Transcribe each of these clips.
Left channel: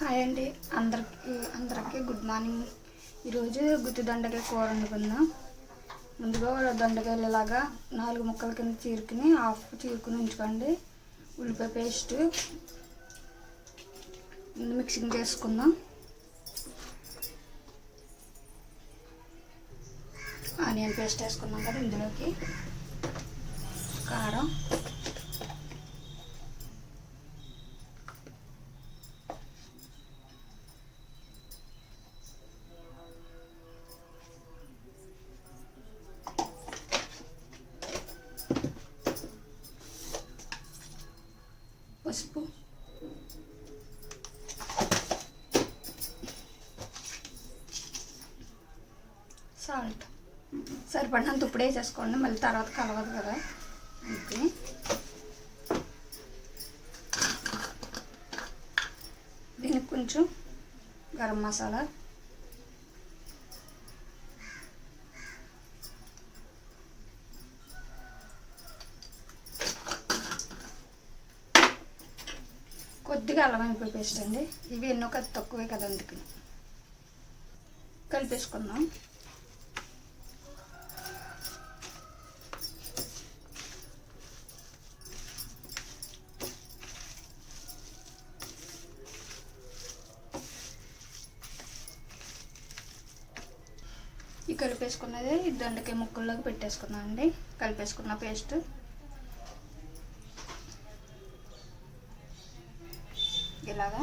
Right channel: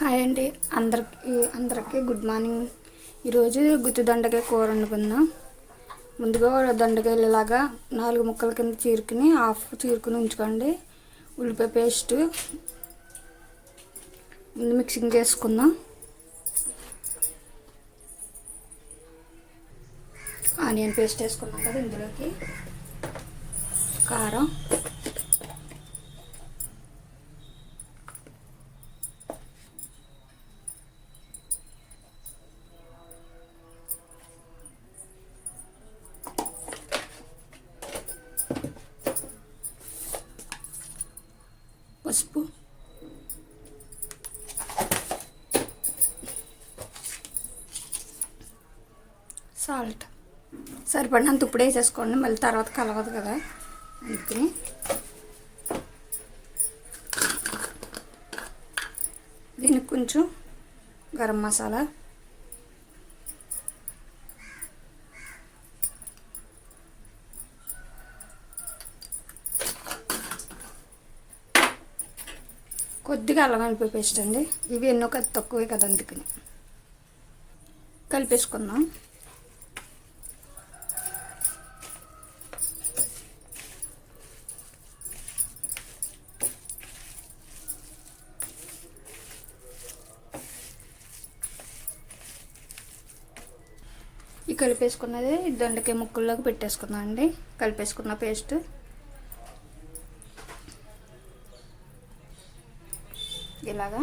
Hi అండి. అందరికీ good morning. ఈరోజు గుత్తి దొండకాయ కూర వండుకుందాం. ముందుగా దొండకాయలు ఇలాగా 4 ముక్కల కింద చీరుకుని చీరుకుని ఉంచుకోండి. ఉల్లిపాయ పేస్ట్ మిక్సింగ్ చేసుకుందాం. ఆనియన్ పేస్ట్ వేసుకున్నాం కదా, ఇందులోకి కారం, పసుపు, సాల్ట్ సరిపడినంత ఇప్పుడే వేసేసుకోండి, మళ్ళీ తర్వాత కలవదు కదా. అందుకని దీనికి కొంచెం గరం మసాలా, కొద్దిగా అల్లం వెల్లుల్లి పేస్ట్ అండి. ఇవి ఎన్నో తక్కువే కదా, అందుకని కలిపేసుకుందాం. ఈ కలిపేసుకున్నది దొండకాయ ముక్కల్లోకి పెట్టేసుకుందాం అండి. కలిపేసుకున్న పేస్ట్ ఇలాగా.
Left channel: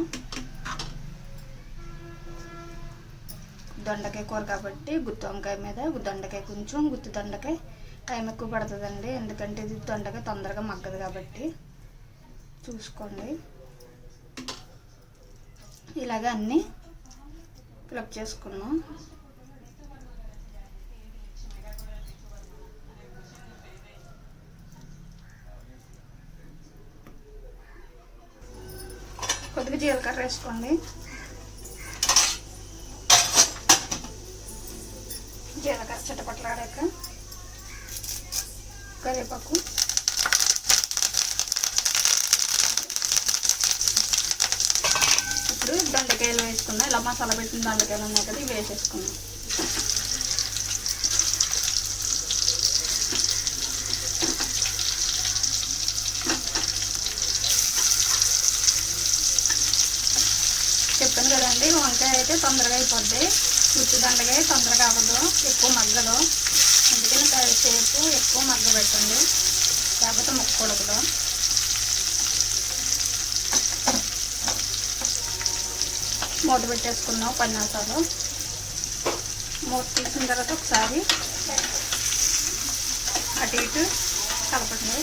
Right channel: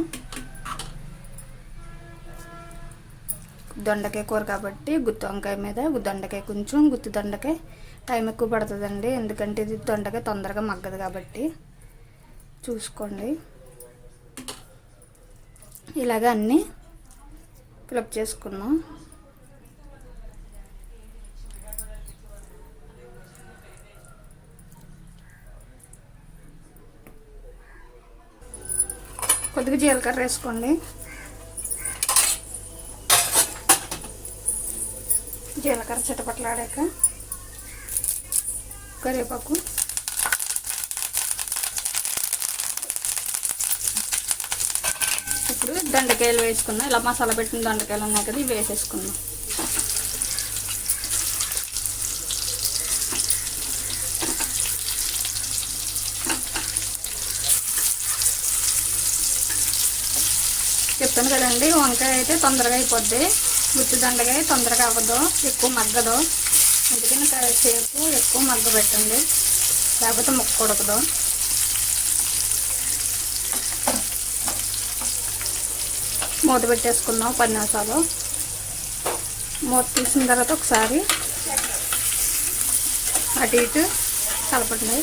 దొండకాయ కూర కాబట్టి గుత్తి వంకాయ మీద దొండకాయ కొంచెం గుత్తి దొండకాయ టైం ఎక్కువ పడుతుందండి, ఎందుకంటే ఇది దొండకాయ తొందరగా మగ్గదు కాబట్టి చూసుకోండి. ఇలాగ అన్నీ ఫిలప్ చేసుకున్నాం. కొద్దిగా జీలకర్ర వేసుకోండి. జీలకర్ర చిటపట్లాడాక కరివేపాకు, ఇప్పుడు దొండకాయలు వేసుకున్నాం. ఇలా మసాలా పెట్టిన దొండకాయలు ఉన్నాయి కదా, ఇవి వేసేసుకున్నాం. చెప్పాను కదండి, వంకాయ అయితే తొందరగా అయిపోద్ది, గుత్తి దొండకాయ తొందరగా అవ్వదు, ఎక్కువ మగ్గదు. అందుకని సేపు ఎక్కువ మగ్గబెట్టండి, లేకపోతే ముక్క ఉడకదు. మూత పెట్టేసుకున్నాం 10 నిమిషాలు. మూత తీసిన తర్వాత ఒకసారి అటు ఇటు కలపండి.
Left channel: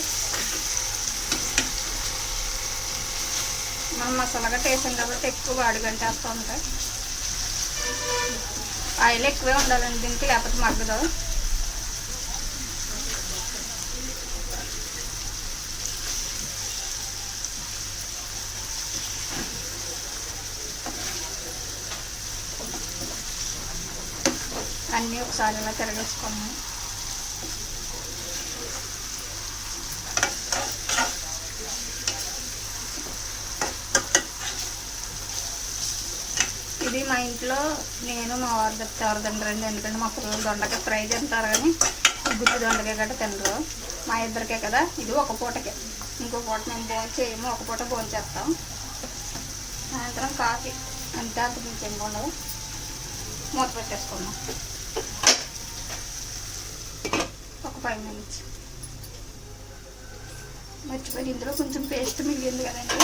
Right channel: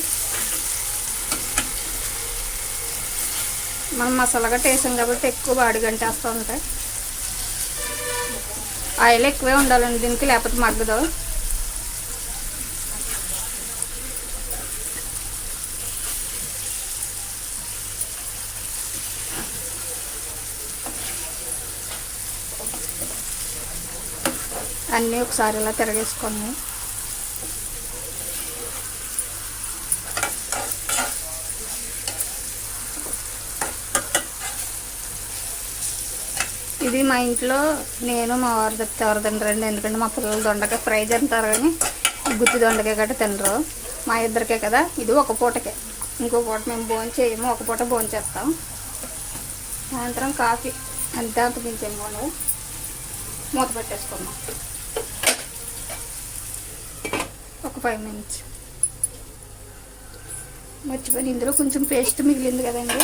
మనం మసాలాగా టేసాం కాబట్టి ఎక్కువ అడుగంటేస్తూ ఉంటాయి. ఆయిల్ ఎక్కువే ఉండాలండి దీనికి, లేకపోతే మగ్గదు. అన్నీ ఒకసారి ఇలా తిరగేసుకోండి. ఇది మా ఇంట్లో నేను మా వారు చెప్తే ఎవరు తినరండి, ఎందుకంటే మా పిల్లలు దొండకాయ ఫ్రై తింటారు కానీ గుత్తి దొండకాయ గట్రా తినరు. మా ఇద్దరికే కదా, ఇది ఒక పూటకే, ఇంకో పూట మేము భోజనం చేయము, ఒక పూట భోజనం చేస్తాం. సాయంత్రం కాఫీ అంతే, అంత మించేం ఉండదు. మూత పెట్టేసుకున్నాం ఒక 5 మినిట్స్. మర్చిపోయి ఇందులో కొంచెం పేస్ట్ మిగిలింది కదండి,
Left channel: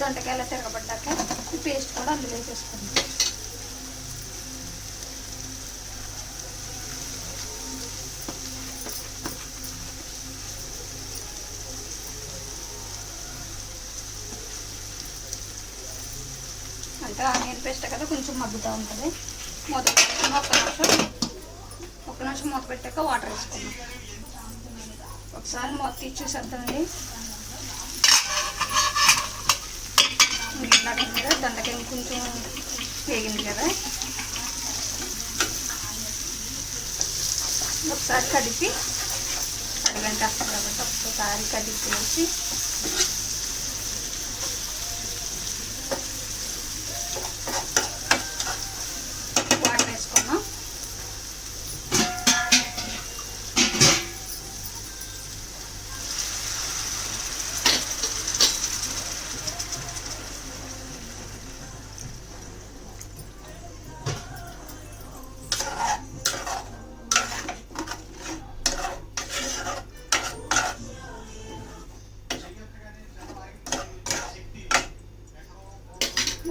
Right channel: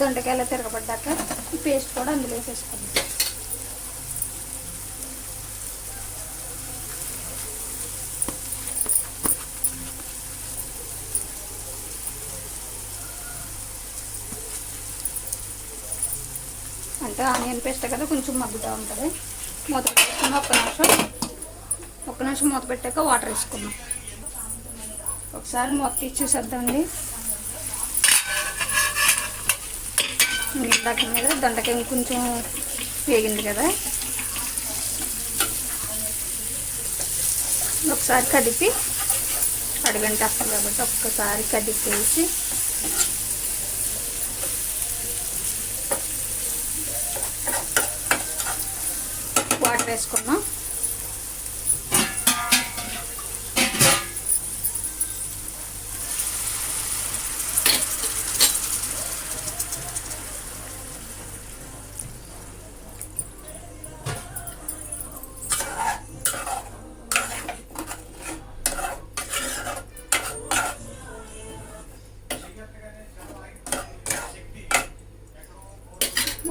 దొండకాయలు తిరగబడ్డాక ఈ పేస్ట్ కూడా అందులో వేసేసుకుందాం. అంటే ఆనియన్ పేస్ట్ కదా, కొంచెం మగ్గుతూ ఉంటుంది. మూత పెట్టుకుని ఒక్క నిమిషం మూత పెట్టాక వాటర్ వేసుకుందాం. ఒకసారి మూత తీసి చూసేద్దామండి. ఇందాక మీద దొండకాయ కొంచెం వేగింది కదా, ఒకసారి కదిపి అడిగంట వస్తుంది కాబట్టి ఒక్కసారి కదిపేసి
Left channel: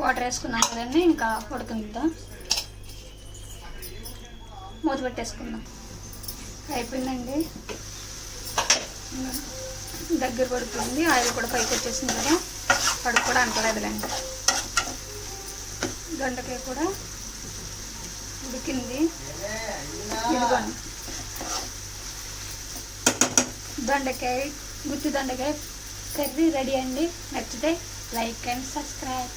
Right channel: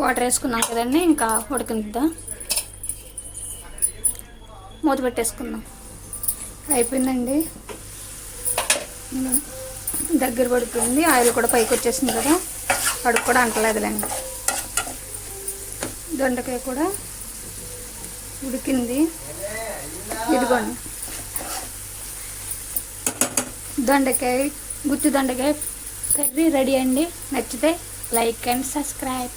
వాటర్ వేసుకున్నాం కదండి, ఇంకా ఉడకనిద్దాం. మూత పెట్టేసుకుందాం. అయిపోయిందండి, దగ్గర పడుతుంది. ఆయిల్ కూడా పైకి వచ్చేసింది కదా, కడుపు కూడా అంటలేదులేండి. దొండకాయ కూడా ఉడికింది. ఇదిగోండి గుత్తి దొండకాయ కర్రీ రెడీ అండి. నచ్చితే లైక్ అండ్ సబ్స్క్రైబ్.